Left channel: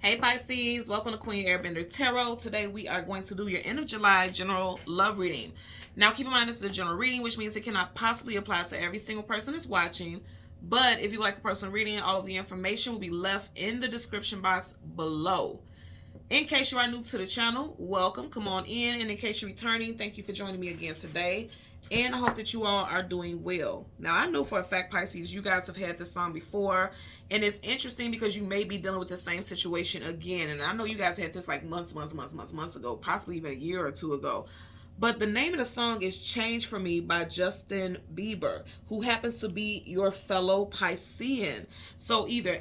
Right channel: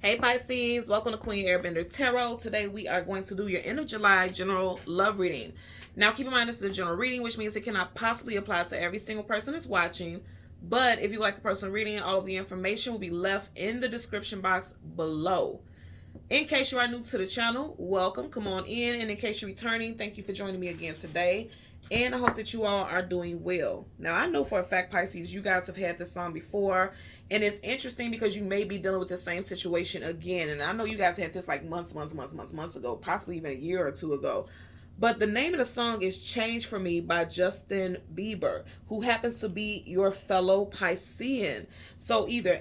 Hey Pisces, welcome to Queen Airbender Tarot. Today we are going to do your end of July general love reading. Now keep in mind this is a general reading, which means it cannot possibly apply to every single person that's watching. But if you like a personal reading, all of the information will be left in the description box below. In case you are new to the channel, welcome, come on in. And in case you're returning, thank you for joining me again today. And I hope that you all are doing well. Now, I know for a fact, Pisces, you guys have had this song before. And it's interesting because you may be dealing with the same situation again. And I know you guys had this like months ago, possibly even a year or two ago. But the name of the song is Change for Me by Justin Bieber, who happens to be your fellow Piscean. So either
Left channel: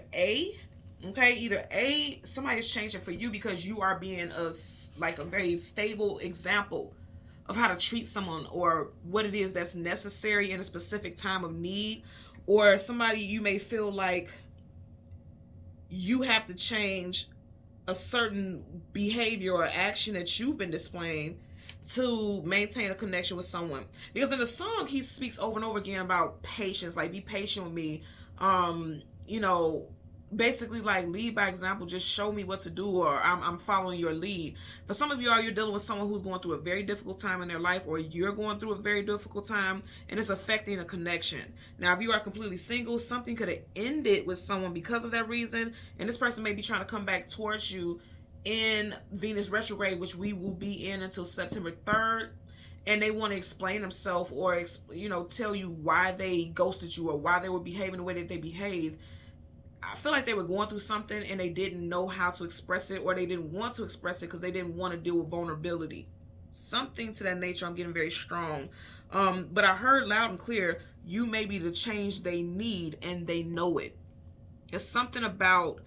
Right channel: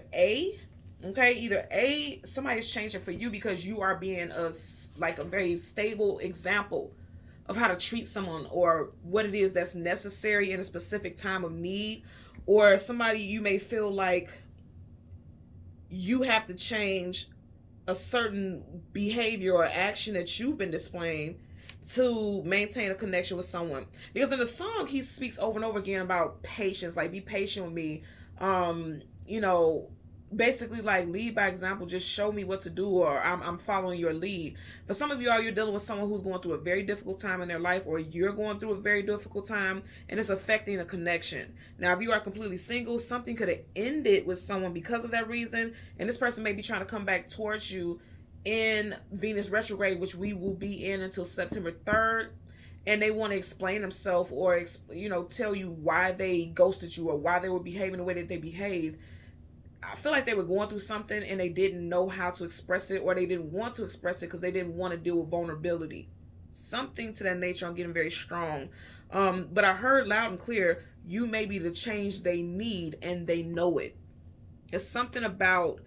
somebody's changing for you because you are being a very stable example of how to treat someone or what it is that's necessary in a specific time of need. Or somebody, you may feel like you have to change a certain behavior or action that you've been displaying to maintain a connection with someone. Because in the song, he speaks over and over again about patience, like be patient with me. You know, basically like lead by example, just show me what to do, or I'm following your lead. For some of y'all, you're dealing with someone who's going through a very difficult time in their life, or you're going through a very difficult time and it's affecting a connection. Now if you are completely single, something could have ended with someone because of that reason, and this person may be trying to come back towards you in Venus retrograde, which we will be in until September 3rd. And they want to explain themselves, or tell you why they ghosted you or why they were behaving the way that they behaved. I feel like they were going through something and they didn't know how to express it, or they didn't want to express it because they didn't want to deal with vulnerability. Something to that nature. I'm getting very strong. But I heard loud and clear, you may be the change they need and they know it. It's something about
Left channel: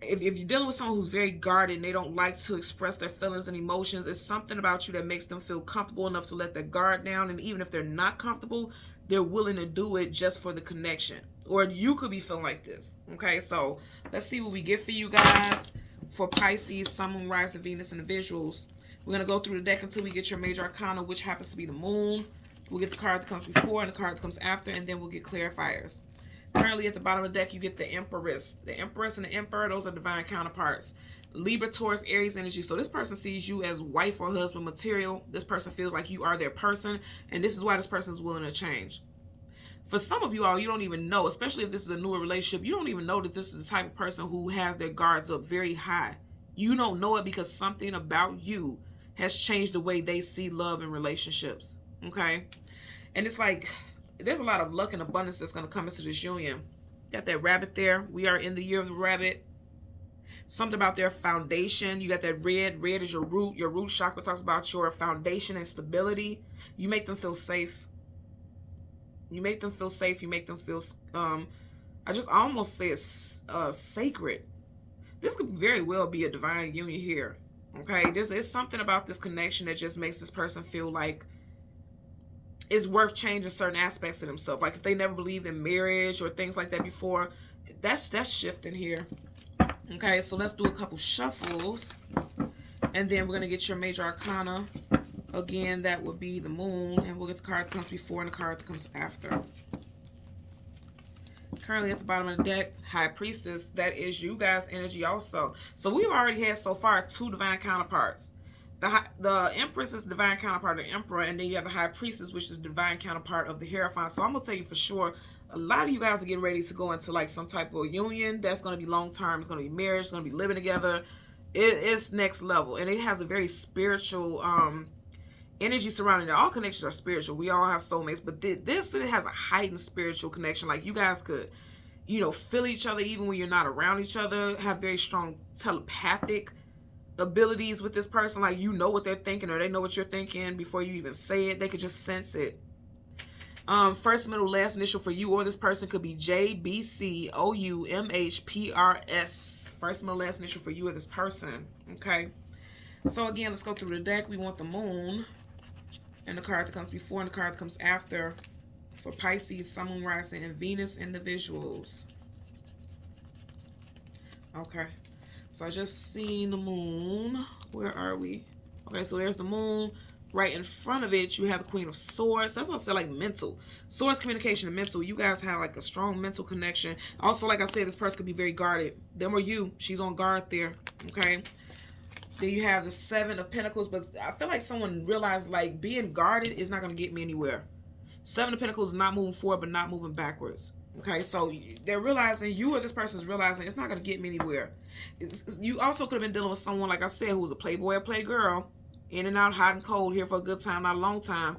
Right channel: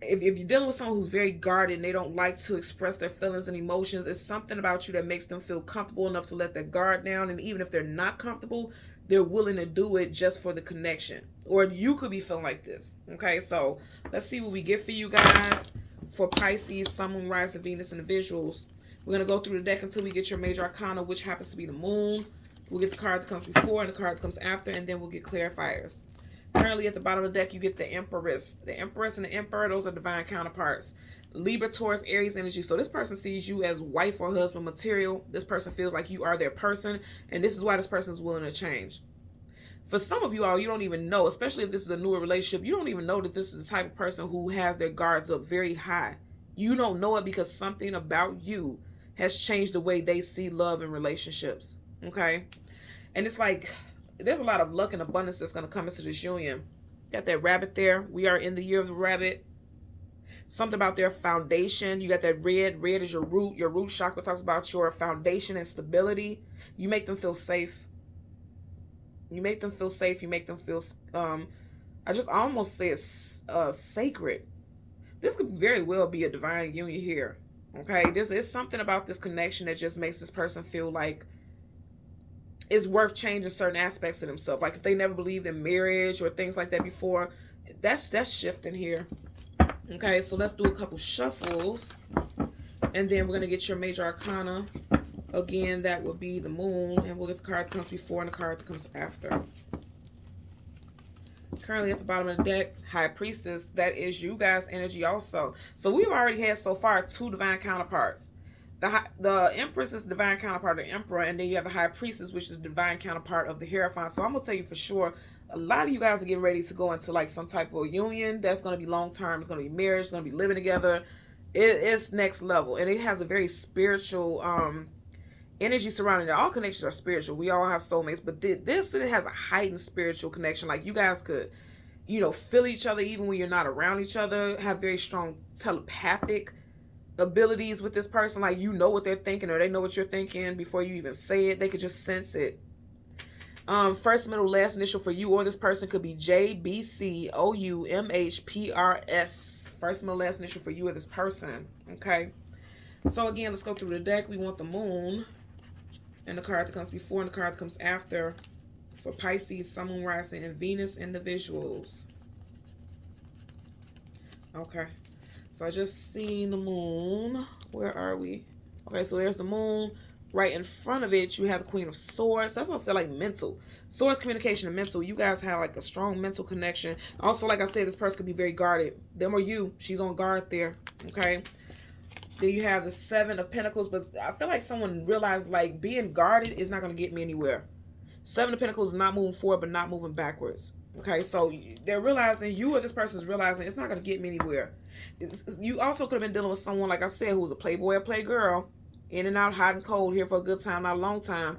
if you're dealing with someone who's very guarded and they don't like to express their feelings and emotions, it's something about you that makes them feel comfortable enough to let their guard down. And even if they're not comfortable, they're willing to do it just for the connection. Or you could be feeling like this. Okay, so let's see what we get for you guys for Pisces, Sun, Moon, Rising, Venus, and the visuals. We're going to go through the deck until we get your major arcana, which happens to be the moon. We'll get the card that comes before and the card that comes after, and then we'll get clarifiers. Currently at the bottom of the deck, you get the Empress. The Empress and the Emperor, those are divine counterparts. Libra, Taurus, Aries energy. So this person sees you as wife or husband material. This person feels like you are their person, and this is why this person is willing to change. For some of you all, you don't even know, especially if this is a newer relationship, you don't even know that this is the type of person who has their guards up very high. You don't know it because something about you has changed the way they see love and relationships. Okay? And it's like there's a lot of luck and abundance that's going to come into this union. Got that rabbit there. We are in the year of the rabbit. Something about their foundation. You got that red. Red is your root. Your root chakra talks about your foundation and stability. You make them feel safe. You make them feel safe. You make them feel, I almost say it's sacred. This could very well be a divine union here. Okay? There's something about this connection that just makes this person feel like it's worth changing certain aspects of themselves. Like if they never believed in marriage or things like that before, that's shifting here. Okay, so let's do a couple shuffles. And then we're going to get your major arcana. Again, that would be the moon. And we'll get the card that comes before and the card that comes after. Currently at the bottom of the deck, High Priestess. That is you guys' energy also. So we've already had so far 2 divine counterparts. The Empress is the divine counterpart of the Emperor, and then you have the High Priestess, which is the divine counterpart of the Hierophant. So I'm going to tell you for sure, a lot of you guys are getting ready to go into like some type of union that's going to be long term. It's going to be marriage. It's going to be living together. It's next level, and it has a very spiritual energy surrounding it. All connections are spiritual. We all have soulmates, but this it has a heightened spiritual connection. Like you guys could, feel each other even when you're not around each other. Have very strong telepathic abilities with this person. Like you know what they're thinking, or they know what you're thinking before you even say it. They could just sense it. First, middle, last initial for you or this person could be JBCOUMHPRS. First, middle, last initial for you or this person. Okay. So again, let's go through the deck. We want the moon and the card that comes before and the card that comes after for Pisces, Sun, Moon, Rising, and Venus individuals. Okay. So I just seen the moon. Where are we? Okay, so there's the moon. Right in front of it, you have the Queen of Swords. That's what I said, like mental. Swords, communication, and mental. You guys have like a strong mental connection. Also, like I said, this person could be very guarded. Them or you, she's on guard there. Okay. Then you have the Seven of Pentacles, but I feel like someone realized like being guarded is not going to get me anywhere. Seven of Pentacles is not moving forward, but not moving backwards. Okay, so they're realizing, you or this person is realizing it's not going to get me anywhere. You also could have been dealing with someone, like I said, who was a playboy or playgirl, in and out, hot and cold, here for a good time, not a long time.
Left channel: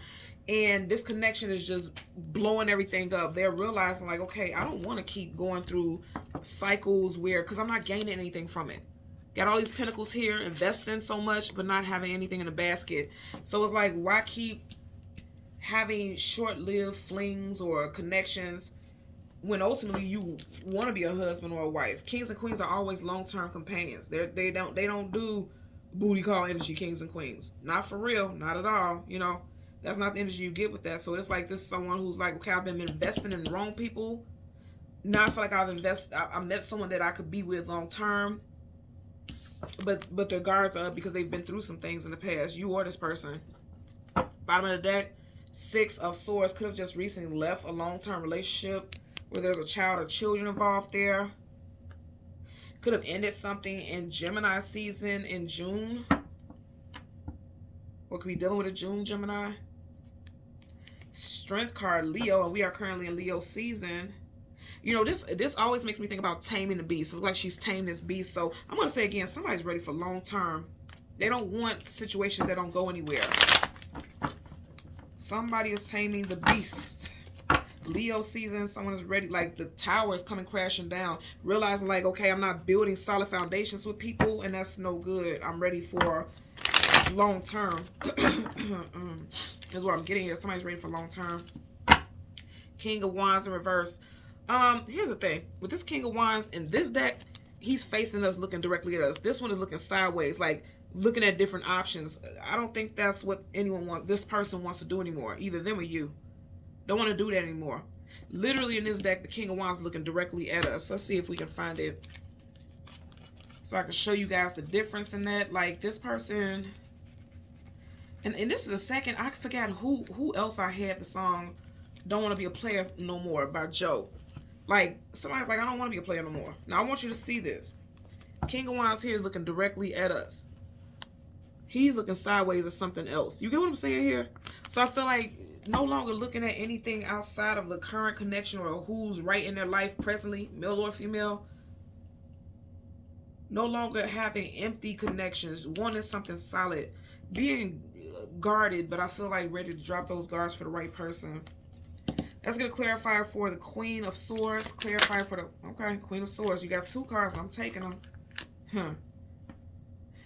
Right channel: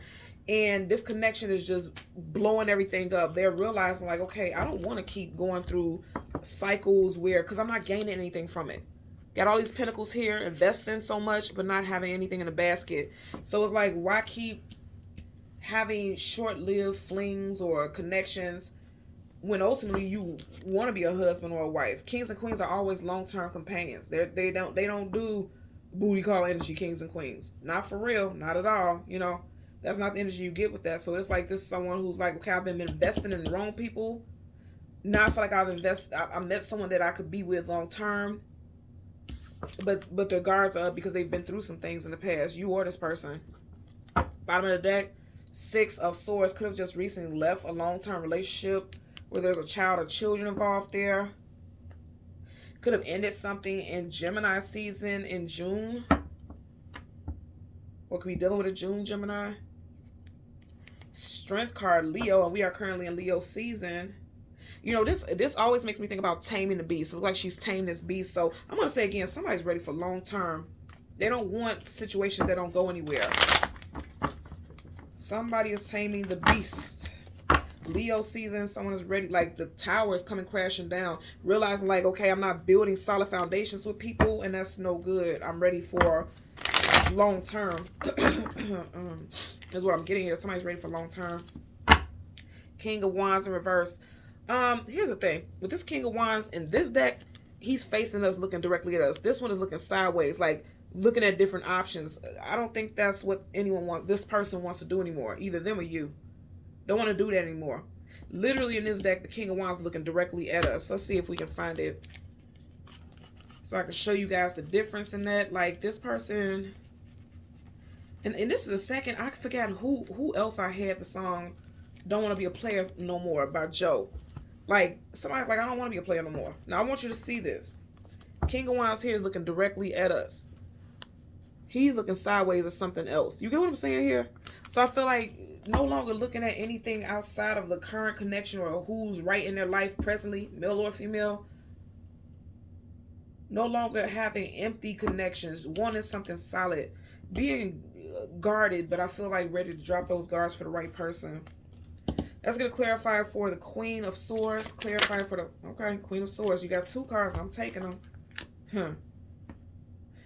And this connection is just blowing everything up. They're realizing like, okay, I don't want to keep going through cycles where, because I'm not gaining anything from it. Got all these pentacles here, investing so much, but not having anything in the basket. So it's like, why keep having short-lived flings or connections when ultimately you want to be a husband or a wife? Kings and queens are always long-term companions. They don't do booty call energy, kings and queens. Not for real, not at all. You know, that's not the energy you get with that. So it's like, this is someone who's like, okay, I've been investing in the wrong people. Now I feel like I met someone that I could be with long-term, but their guards are up because they've been through some things in the past. You or this person. Bottom of the deck, Six of Swords. Could have just recently left a long-term relationship where there's a child or children involved there. Could have ended something in Gemini season in June. Or could be dealing with a June Gemini. Strength card, Leo, and we are currently in Leo season. You know, this always makes me think about taming the beast. It looks like she's tamed this beast. So I'm going to say again, somebody's ready for long term. They don't want situations that don't go anywhere. Somebody is taming the beast. Leo season, someone is ready. Like the tower is coming crashing down. Realizing like, okay, I'm not building solid foundations with people, and that's no good. I'm ready for long term. That's what I'm getting here. Somebody's ready for long term. King of Wands in reverse. Here's the thing. With this King of Wands in this deck, he's facing us, looking directly at us. This one is looking sideways, like looking at different options. I don't think that's what this person wants to do anymore. Either them or you. Don't want to do that anymore. Literally in this deck, the King of Wands is looking directly at us. Let's see if we can find it, so I can show you guys the difference in that. Like this person, and this is a second, I forgot who else I had the song Don't Want to Be a Player No More by Joe. Like somebody's like, I don't want to be a player no more. Now I want you to see this. King of Wands here is looking directly at us. He's looking sideways at something else. You get what I'm saying here? So I feel like no longer looking at anything outside of the current connection or who's right in their life presently, male or female. No longer having empty connections, wanting something solid, being guarded, but I feel like ready to drop those guards for the right person. Let's get a clarifier for the Queen of Swords. Clarifier for the, okay, Queen of Swords. You got two cards. I'm taking them.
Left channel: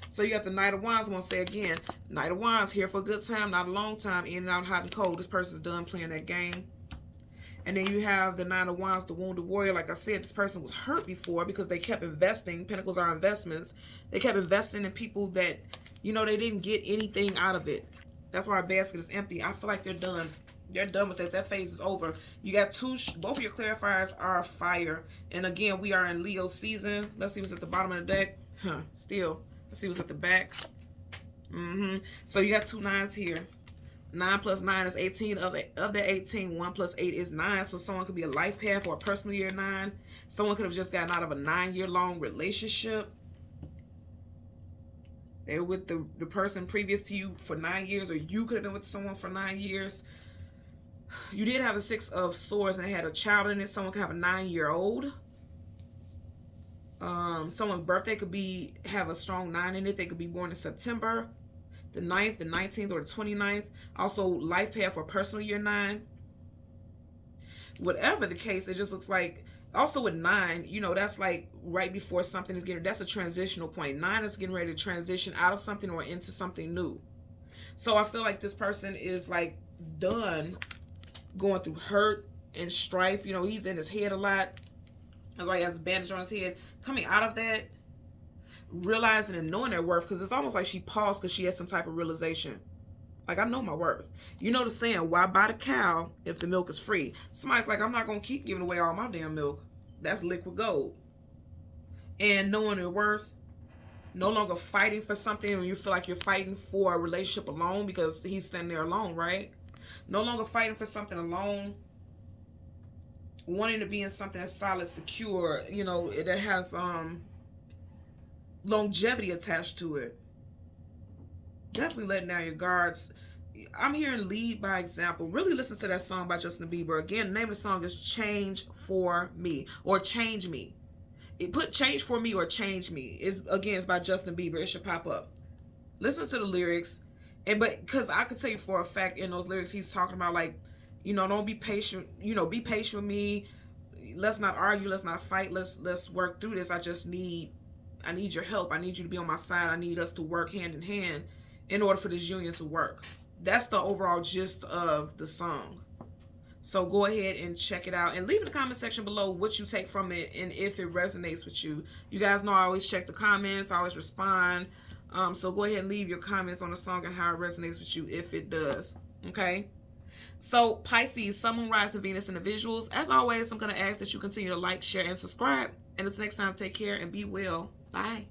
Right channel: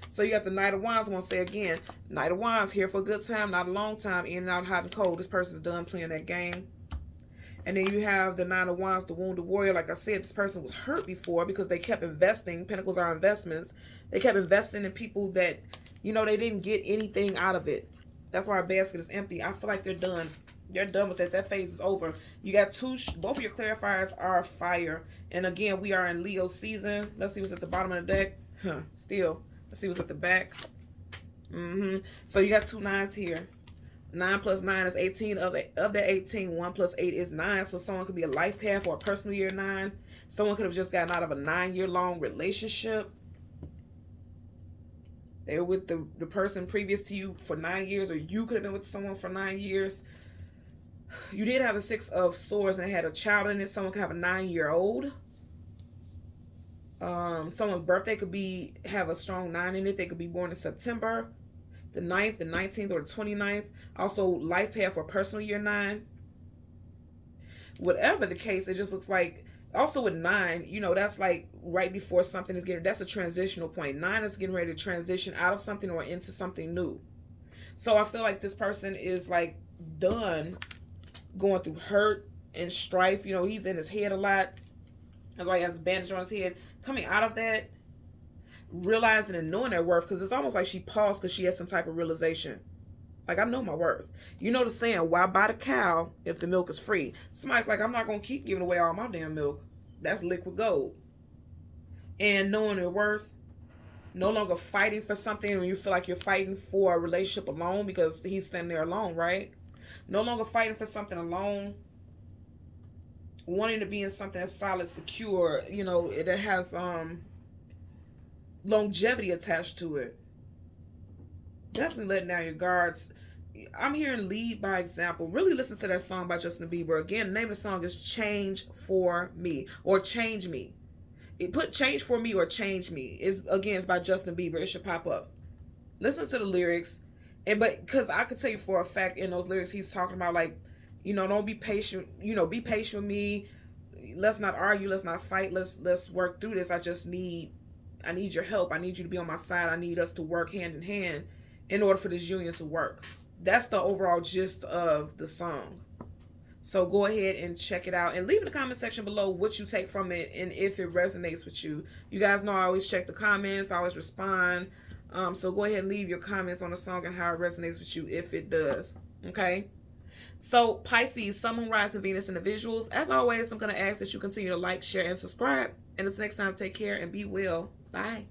So you got the Knight of Wands. I'm going to say again, Knight of Wands, here for a good time, not a long time, in and out, hot and cold. This person's done playing that game. And then you have the Nine of Wands, the Wounded Warrior. Like I said, this person was hurt before because they kept investing. Pentacles are investments. They kept investing in people that, you know, they didn't get anything out of it. That's why our basket is empty. I feel like they're done. They're done with it. That phase is over. You got both of your clarifiers are fire. And again, we are in Leo season. Let's see what's at the bottom of the deck. Still. Let's see what's at the back. So you got two nines here. 9 plus 9 is 18. Of the 18, 1 plus 8 is 9. So someone could be a life path or a personal year 9. Someone could have just gotten out of a 9-year-long relationship. They were with the person previous to you for 9 years, or you could have been with someone for 9 years. You did have the Six of Swords and had a child in it. Someone could have a 9-year-old. Someone's birthday could have a strong 9 in it. They could be born in September, the 9th, the 19th, or the 29th. Also, life path for personal year 9. Whatever the case, it just looks like, also with 9, you know, that's like right before something is that's a transitional point. 9 is getting ready to transition out of something or into something new. So I feel like this person is like done going through hurt and strife. You know, he's in his head a lot. It's like he has a bandage on his head. Coming out of that, realizing and knowing their worth, because it's almost like she paused because she had some type of realization. Like, I know my worth. You know the saying, why buy the cow if the milk is free? Somebody's like, I'm not going to keep giving away all my damn milk. That's liquid gold. And knowing their worth, No longer fighting for something when you feel like you're fighting for a relationship alone because he's standing there alone, right? No longer fighting for something alone, wanting to be in something that's solid, secure, you know, that has longevity attached to it. Definitely letting down your guards. I'm hearing lead by example. Really listen to that song by Justin Bieber. Again, the name of the song is Change for Me or Change Me. It put Change for Me or Change Me. It's by Justin Bieber. It should pop up. Listen to the lyrics. But because I could tell you for a fact in those lyrics he's talking about, like, you know, don't be patient, you know, be patient with me. Let's not argue, let's not fight, let's work through this. I need your help. I need you to be on my side. I need us to work hand in hand in order for this union to work. That's the overall gist of the song. So go ahead and check it out and leave in the comment section below what you take from it and if it resonates with you. You guys know I always check the comments, I always respond. So go ahead and leave your comments on the song and how it resonates with you if it does. Okay? So Pisces, Sun, Moon, Rise, and Venus individuals. As always, I'm going to ask that you continue to like, share, and subscribe. And until next time, take care and be well. Bye.